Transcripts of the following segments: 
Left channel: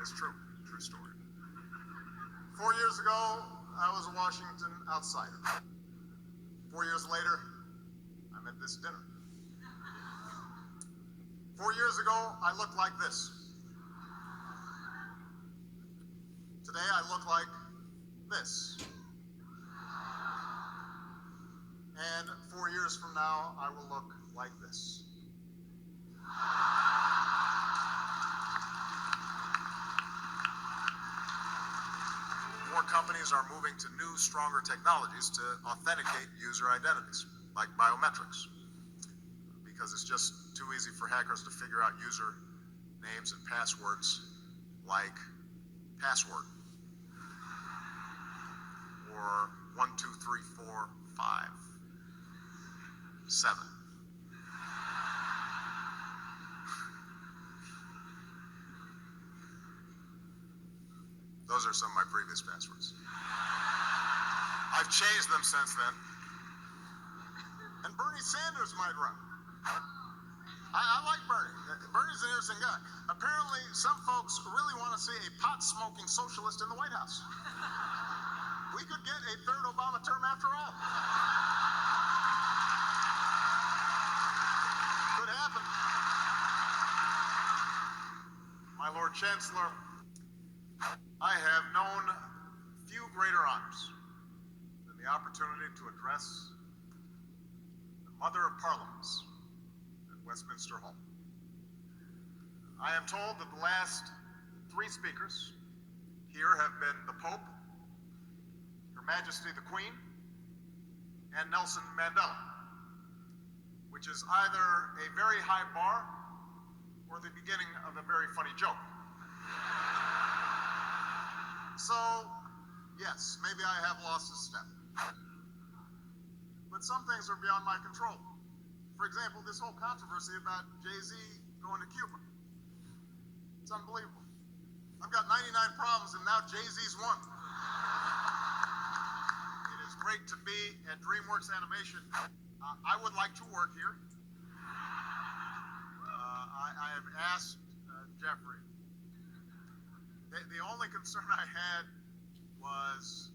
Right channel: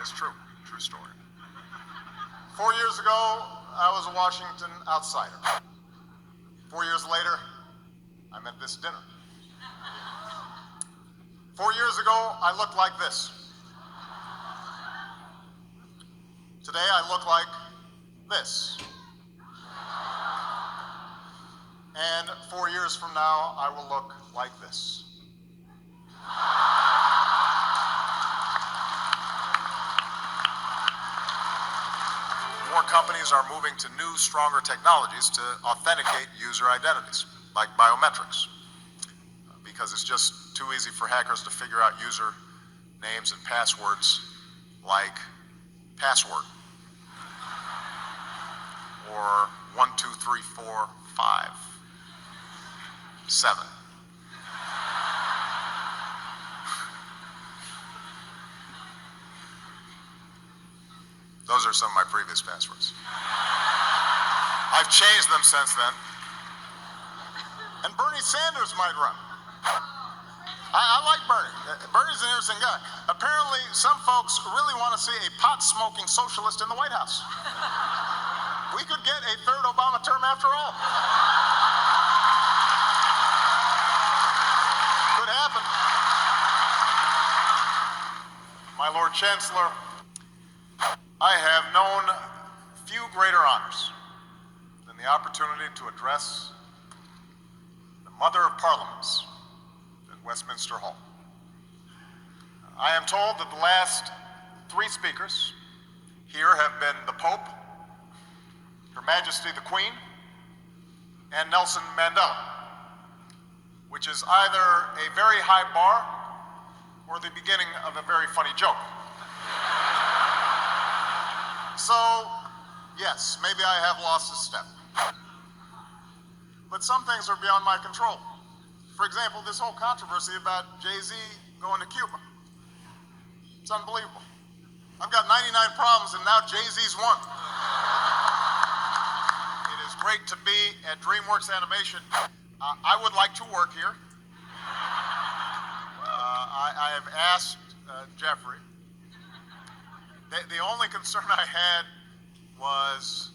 It's true. True story. 4 years ago, I was a Washington outsider. 4 years later, I'm at this dinner. 4 years ago, I looked like this. Today, I look like this. And 4 years from now, I will look like this. More companies are moving to new, stronger technologies to authenticate user identities, like biometrics, because it's just too easy for hackers to figure out user names and passwords like password or 1, 2, 3, 4, 5, 7. Those are some of my previous passwords. I've changed them since then. And Bernie Sanders might run. I like Bernie. Bernie's an interesting guy. Apparently, some folks really want to see a pot-smoking socialist in the White House. We could get a third Obama term after all. Could happen. My Lord Chancellor, I have known few greater honors than the opportunity to address the Mother of Parliaments at Westminster Hall. I am told that the last 3 speakers here have been the Pope, Her Majesty the Queen, and Nelson Mandela, which is either a very high bar or the beginning of a very funny joke. So, yes, maybe I have lost a step. But some things are beyond my control. For example, this whole controversy about Jay-Z going to Cuba. It's unbelievable. I've got 99 problems and now Jay-Z's one. It is great to be at DreamWorks Animation. I would like to work here. I have asked Jeffrey. The only concern I had was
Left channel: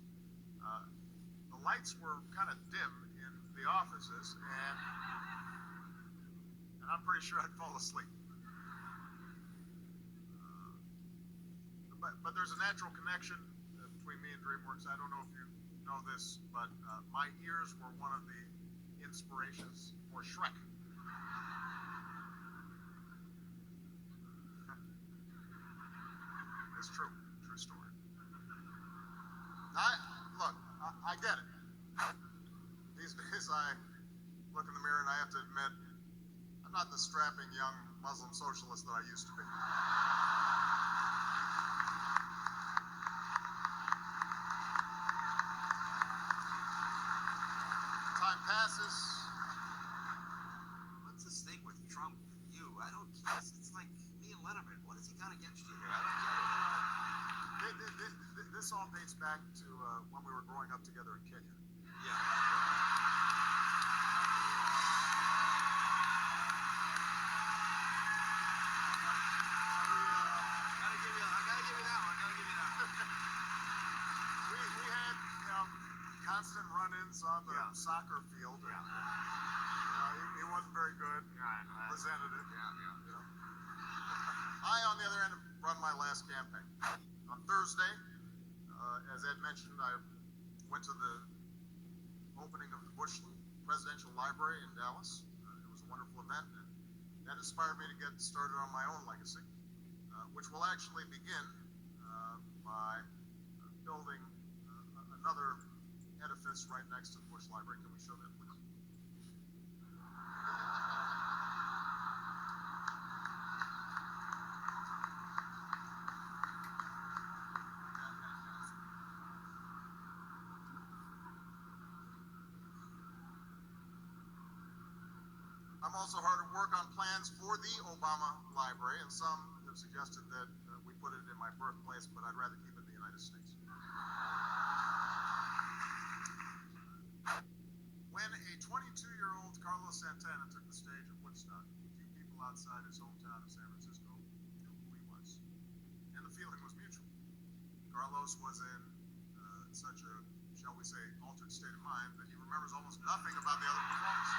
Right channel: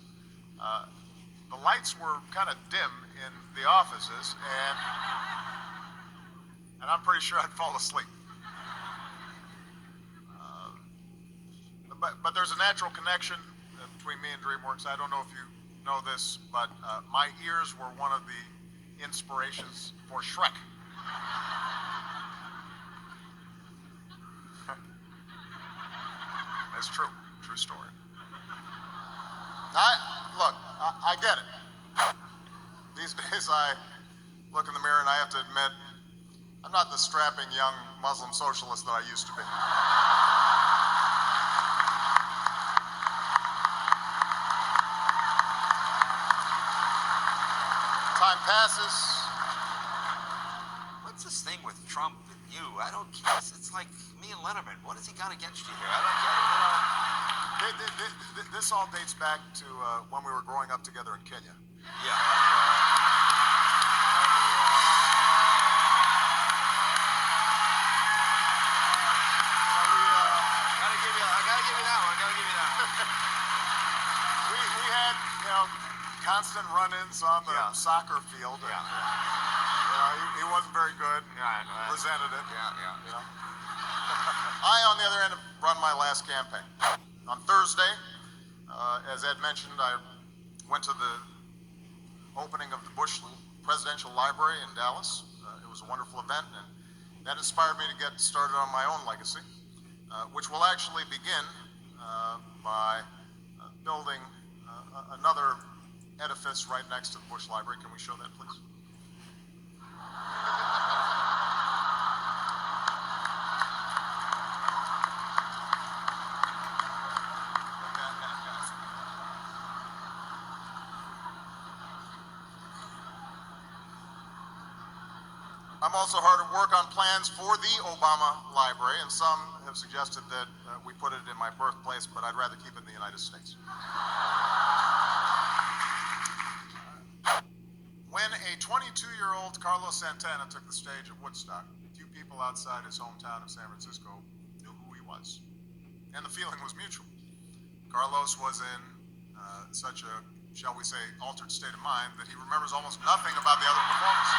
the lights were kind of dim in the offices, and I'm pretty sure I'd fall asleep. But there's a natural connection between me and DreamWorks. I don't know if you know this, but my ears were one of the inspirations for Shrek. It's true. True story. I get it. These days I look in the mirror and I have to admit, I'm not the strapping young Muslim socialist that I used to be. Time passes. What's this thing with Trump and you? I don't get it. It's like me and Letterman. What has he got against you here? I don't get it. This all dates back to when we were growing up together in Kenya. Yeah. I gotta give you that one. We had, constant run-ins on the soccer field. Yeah. And, he wasn't very good. Yeah, I know. Resented it. Yeah. I, on the other hand, have run my last campaign. On Thursday, as Ed mentioned, I went to the opening of the Bush Presidential Library in Dallas. It was a wonderful event, and that inspired me to get started on my own legacy, which will actually begin by building another edifice right next to the Bush Library. Can we show that, please? I'm also hard at work on plans for the Obama Library, and some have suggested that we put it in my birthplace, but I'd rather keep it in the United States. When a 22-year-old Carlos Santana took the stage at Woodstock, a few people outside his hometown of San Francisco was. And the feeling was mutual. Carlos was in such a, shall we say, altered state of mind that he remembers almost nothing about the other performance.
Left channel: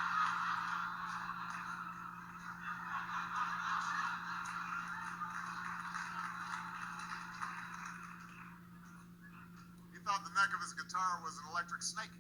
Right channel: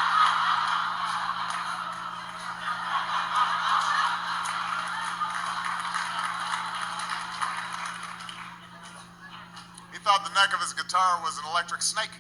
He thought the neck of his guitar was an electric snake.